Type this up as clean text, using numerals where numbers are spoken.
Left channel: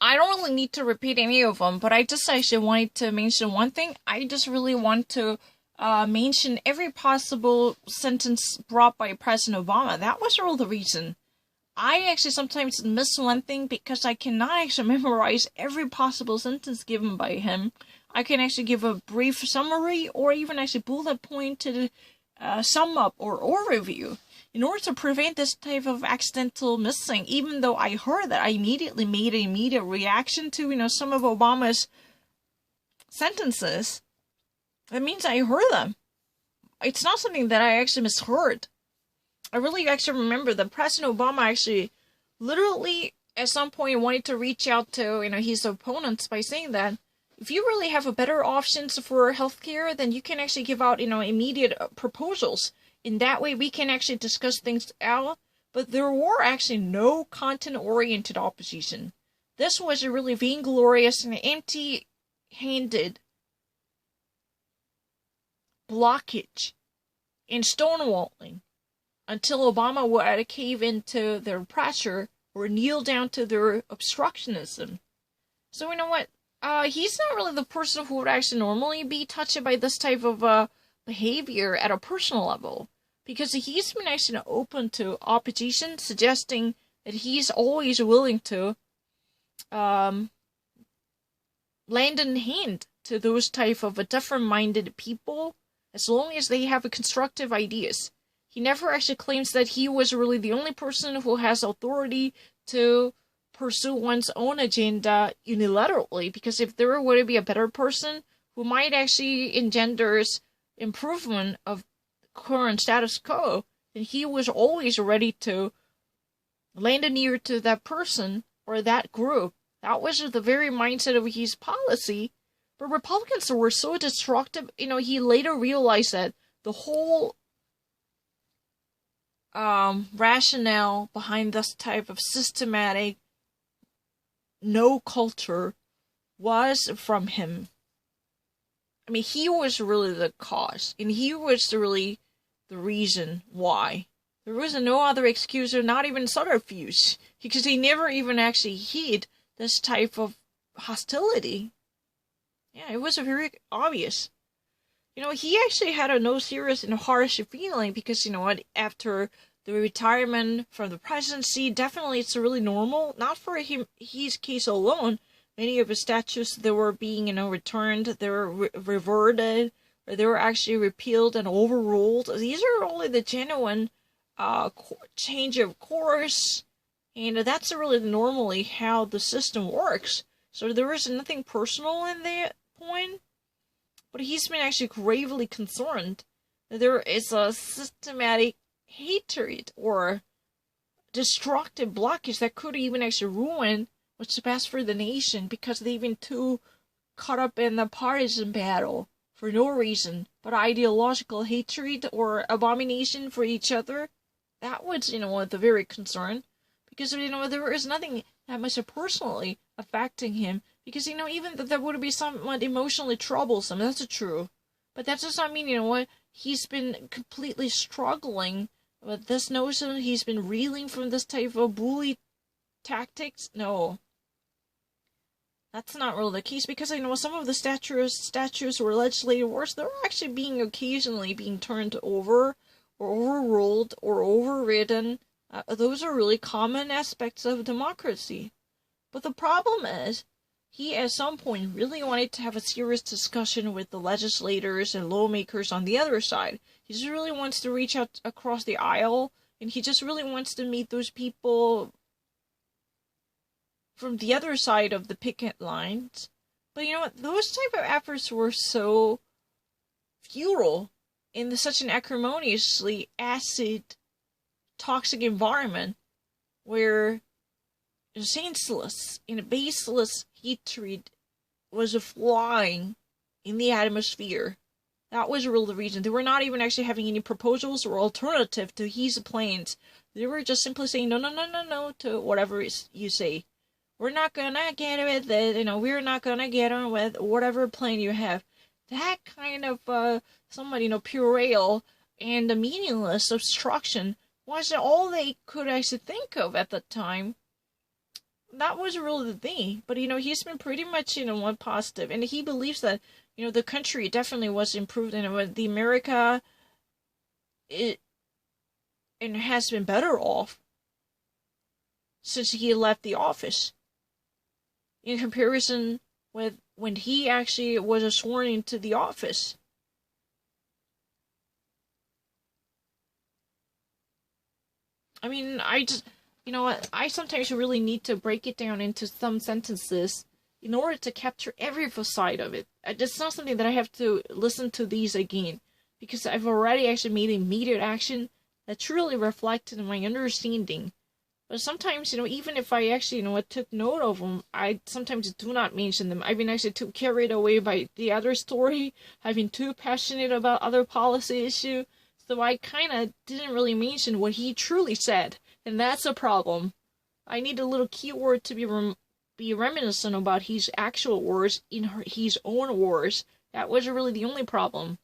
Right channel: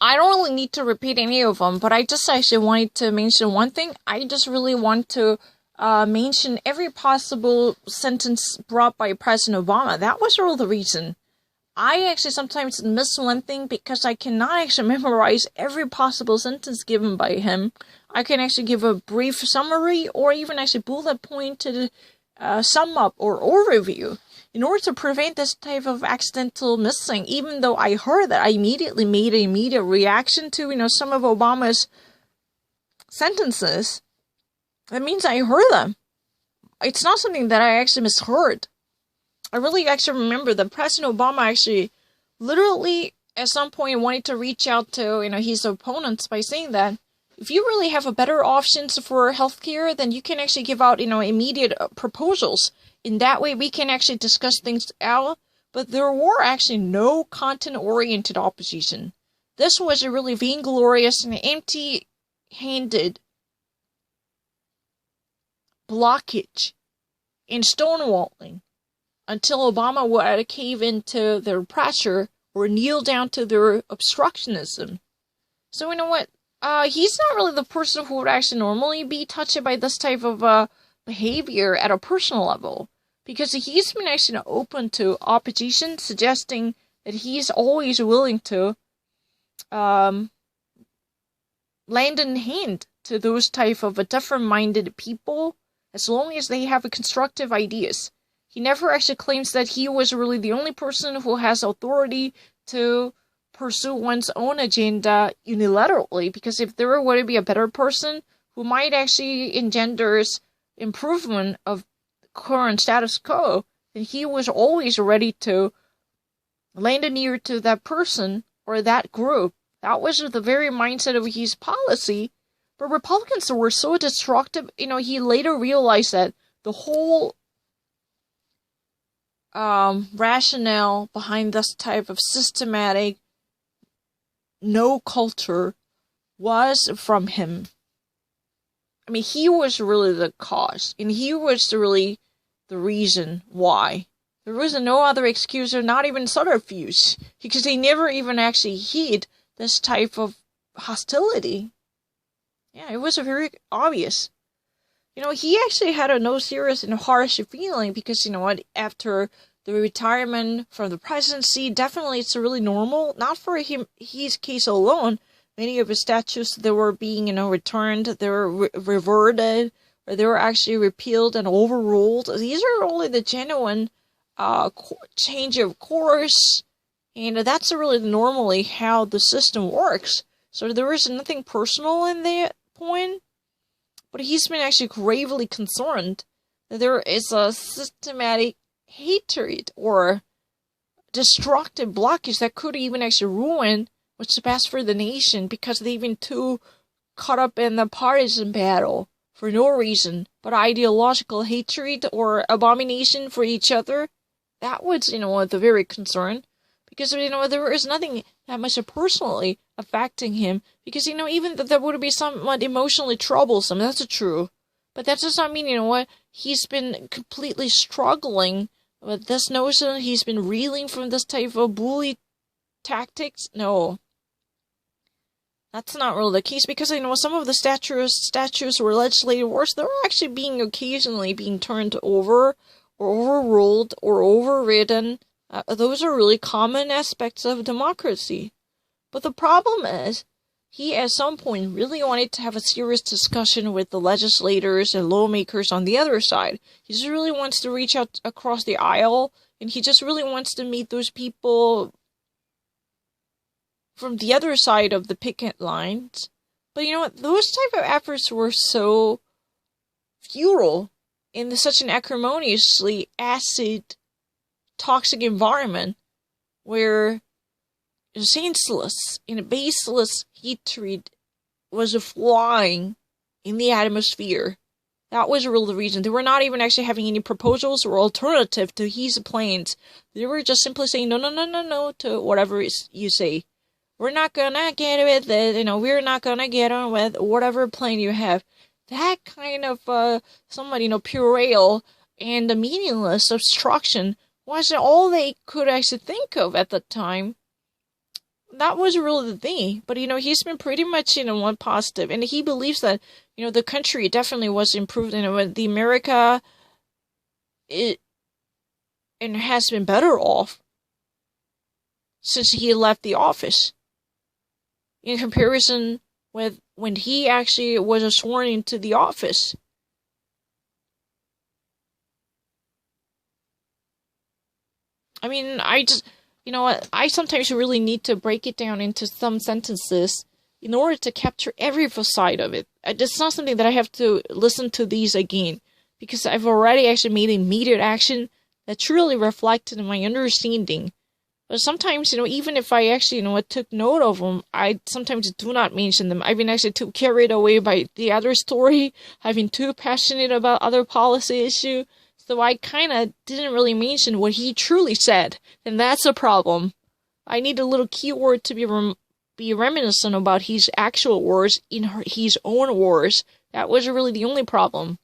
I don't really need to repeat any of them, but I just actually wanted to mention one thing. I just really want to mention every possible sentence brought by President Obama. That was all the reason. I actually sometimes miss one thing because I cannot actually memorize every possible sentence given by him. I can actually give a brief summary or even actually bullet pointed sum up or overview in order to prevent this type of accidental missing. Even though I heard that, I immediately made an immediate reaction to some of Obama's sentences. That means I heard them. It's not something that I actually misheard. I really actually remember that President Obama actually literally at some point wanted to reach out to his opponents by saying that if you really have a better options for healthcare, then you can actually give out immediate proposals. In that way, we can actually discuss things out. But there were actually no content-oriented opposition. This was a really vainglorious and empty-handed blockage and stonewalling until Obama would cave into their pressure or kneel down to their obstructionism. So you know what? He's not really the person who would actually normally be touched by this type of behavior at a personal level. Because he's been actually open to opposition, suggesting that he's always willing to lend a hand to those type of different-minded people as long as they have constructive ideas. He never actually claims that he was really the only person who has authority to pursue one's own agenda unilaterally, because if there were to be a better person who might actually engender improvement of current status quo, then he was always ready to lend an ear to that person or that group. That was the very mindset of his policy. But Republicans were so destructive, he later realized that the whole rationale behind this type of systematic no culture was from him. I mean, he was really the cause, and he was really the reason why. There was no other excuse or not even subterfuge, because he never even actually heed this type of hostility. Yeah, it was very obvious. He actually had no serious and harsh feeling because, after the retirement from the presidency, definitely it's really normal, not for his case alone. Many of his statutes that were being, returned, they were reverted, or they were actually repealed and overruled. These are only the genuine change of course, and that's really normally how the system works. So there was nothing personal in that point. But he's been actually gravely concerned that there is a systematic hatred or destructive blockage that could even actually ruin what's best for the nation, because they've been too caught up in the partisan battle for no reason but ideological hatred or abomination for each other. That was, the very concern. Because, there is nothing that much personally affecting him. Because, even that would be somewhat emotionally troublesome. That's true. But that does not mean, he's been completely struggling with this notion. He's been reeling from this type of bully tactics. No. That's not really the case. Because, some of the statutes or legislative works, they're actually occasionally being turned over or overruled or overridden. Those are really common aspects of democracy. But the problem is, he at some point really wanted to have a serious discussion with the legislators and lawmakers on the other side. He just really wants to reach out across the aisle, and he just really wants to meet those people from the other side of the picket lines. But those type of efforts were so futile in such an acrimoniously acid toxic environment where senseless and baseless hatred was flying in the atmosphere. That was really the reason. They were not even actually having any proposals or alternative to his plans. They were just simply saying no to whatever you say. We're not gonna get with it, we're not gonna get on with whatever plan you have. That kind of somewhat, puerile and meaningless obstruction was all they could actually think of at the time. that was really the thing. But he's been pretty much one positive, and he believes that the country definitely was improved, the America it and has been better off since he left the office in comparison with when he actually was sworn into the office. I mean, I just, what? I sometimes really need to break it down into some sentences in order to capture every side of it. It's not something that I have to listen to these again because I've already actually made immediate action that truly reflected my understanding. But sometimes, even if I actually, took note of them, I sometimes do not mention them. I've been actually too carried away by the other story. I've been too passionate about other policy issue. So I kind of didn't really mention what he truly said. And that's a problem. I need a little keyword to be reminiscent about his actual words in his own words. That was really the only problem.